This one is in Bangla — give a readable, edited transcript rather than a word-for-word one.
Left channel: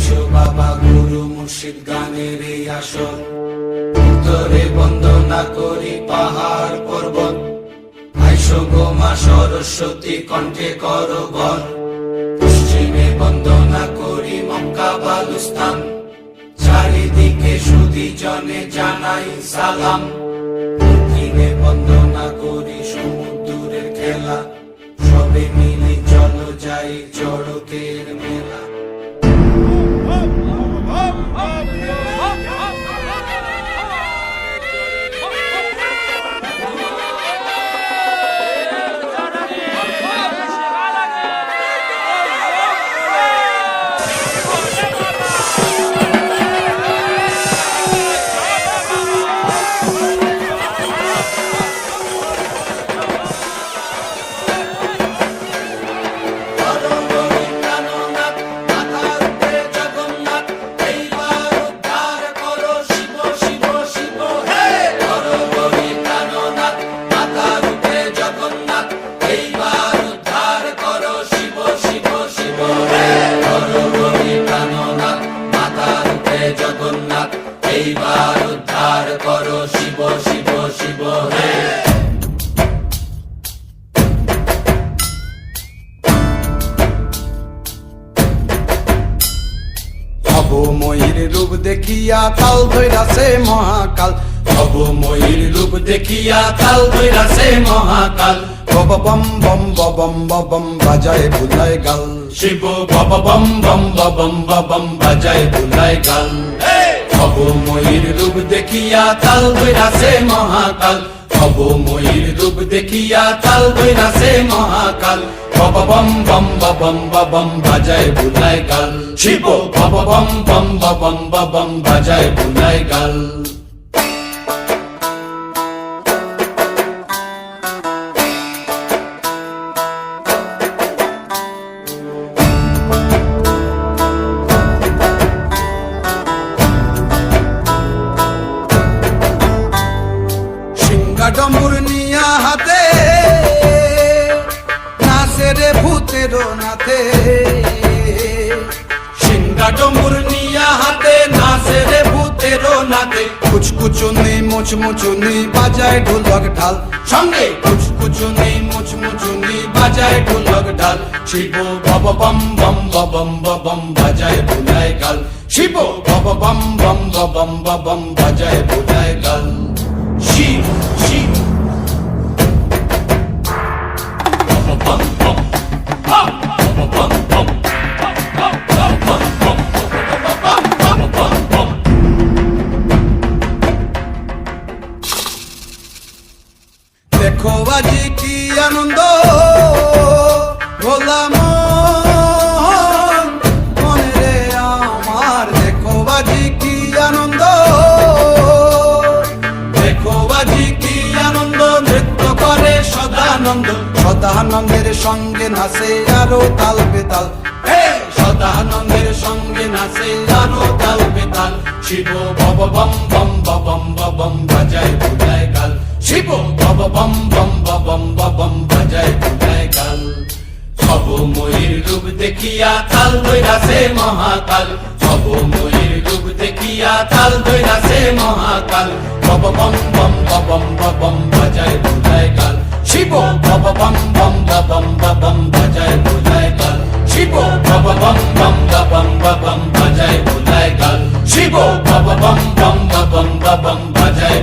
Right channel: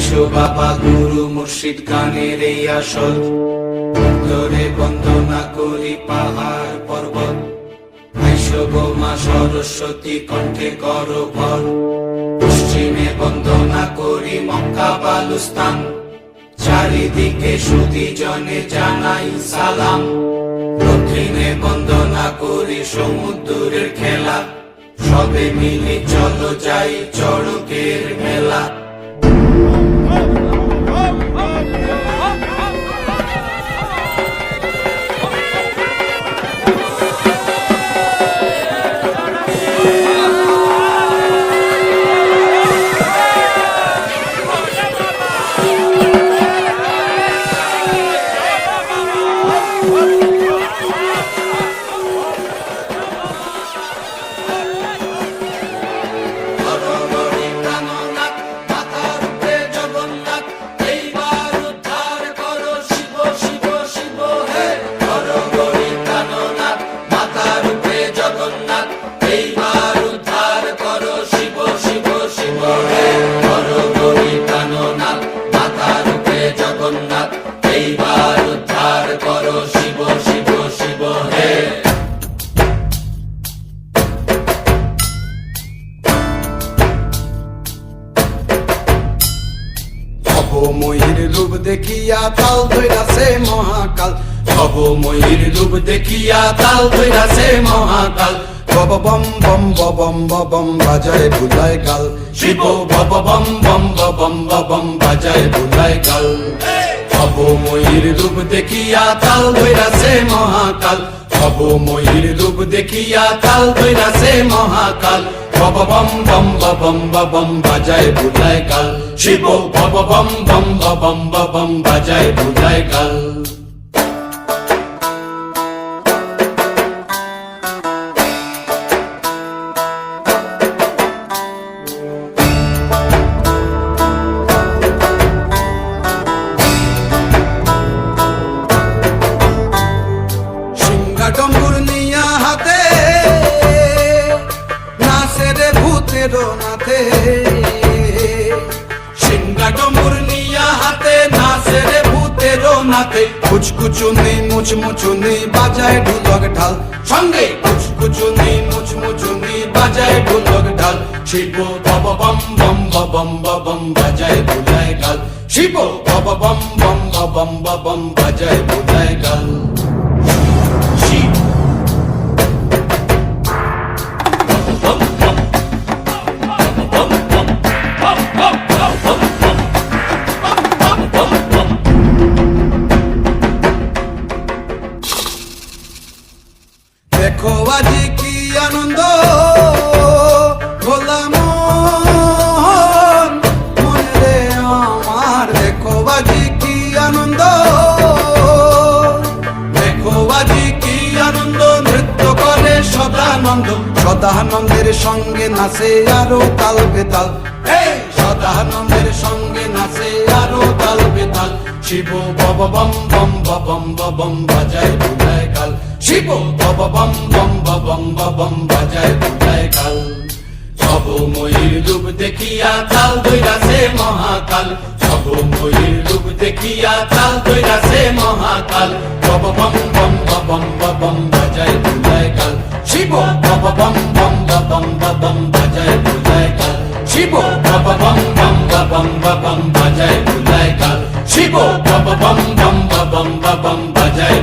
আইসো বাবা গুরু মুর্শিদ গানের এই আসর, উত্তরে বন্দনা করি পাহাড় পর্বত। আইসো গো মা সরস্বতী কণ্ঠে করো বর, পশ্চিমে বন্দনা করি মক্কা বালুস্তান। চারিদিকে সুধী জনে জানাই সালাম, দক্ষিণে বন্দনা করি সমুদ্রের খেলা। সবে মিলে চলো যাই চড়কের মেলা। এইবার উদ্ধার করো শিব শিব শিব হে। ভবময়ীর রূপ দেখিয়া তাল ধইরাছে মহাকাল, ভবময়ীর রূপ দেখিয়া তাল ধইরাছে মহাকাল। বব বম বম বম বম বাজায় বুলায় গাল, শিব বব বম বম বম বম বাজায় বুলায় গাল। ভবময়ীর রূপ দেখিয়া তাল ধইরাছে মহাকাল, ভবময়ীর রূপ দেখিয়া তাল ধইরাছে মহাকাল। বব বম বম বম বাজায় বুলায় গাল, শিব বব বম বম বম বাজায় বুলায় গাল। ডম্বুর নিয়া হাতে নাচে রে ভূতের নাথে, সিংহা ডম্বুর নিয়া হাতে নাচে রে ভূতের নাথে। কুচকুচুনি মুচমুচুনি বাজায় ঢোলক ঢাল, সঙ্গে কুচকুচুনি মুচমুচুনি বাজায় ঢোলক ঢাল। শিব বব বম বম বম বাজায় বুলায় গাল, শিব বব বম বম বম বাজায় বুলায় গাল। শিব শিব দেখো আজি কি আনন্দ ভোলা মনে রে আমার, দেখো আজি কি আনন্দ, দেখো আজি কি আনন্দ, নৃত্য করে সদানন্দ। সদানন্দের সঙ্গে নাচে আরো তাল বেতাল, সদানন্দের সঙ্গে নাচে আরো তাল বেতাল। শিব বব বম বম বাজায় বুলায় গাল, শিব বব বম বম বাজায় বুলায় গাল। ভবময়ীর রূপ দেখিয়া তাল ধইরাছে মহাকাল, ভবময়ীর রূপ দেখিয়া তাল ধইরাছে মহাকাল। বব বম বম বাজায় বুলায় গাল, শিব বব বম বম বাজায় বুলায় গাল, শিব বব বম বম বাজায় বুলায় গাল, শিব বব বম বম বাজায়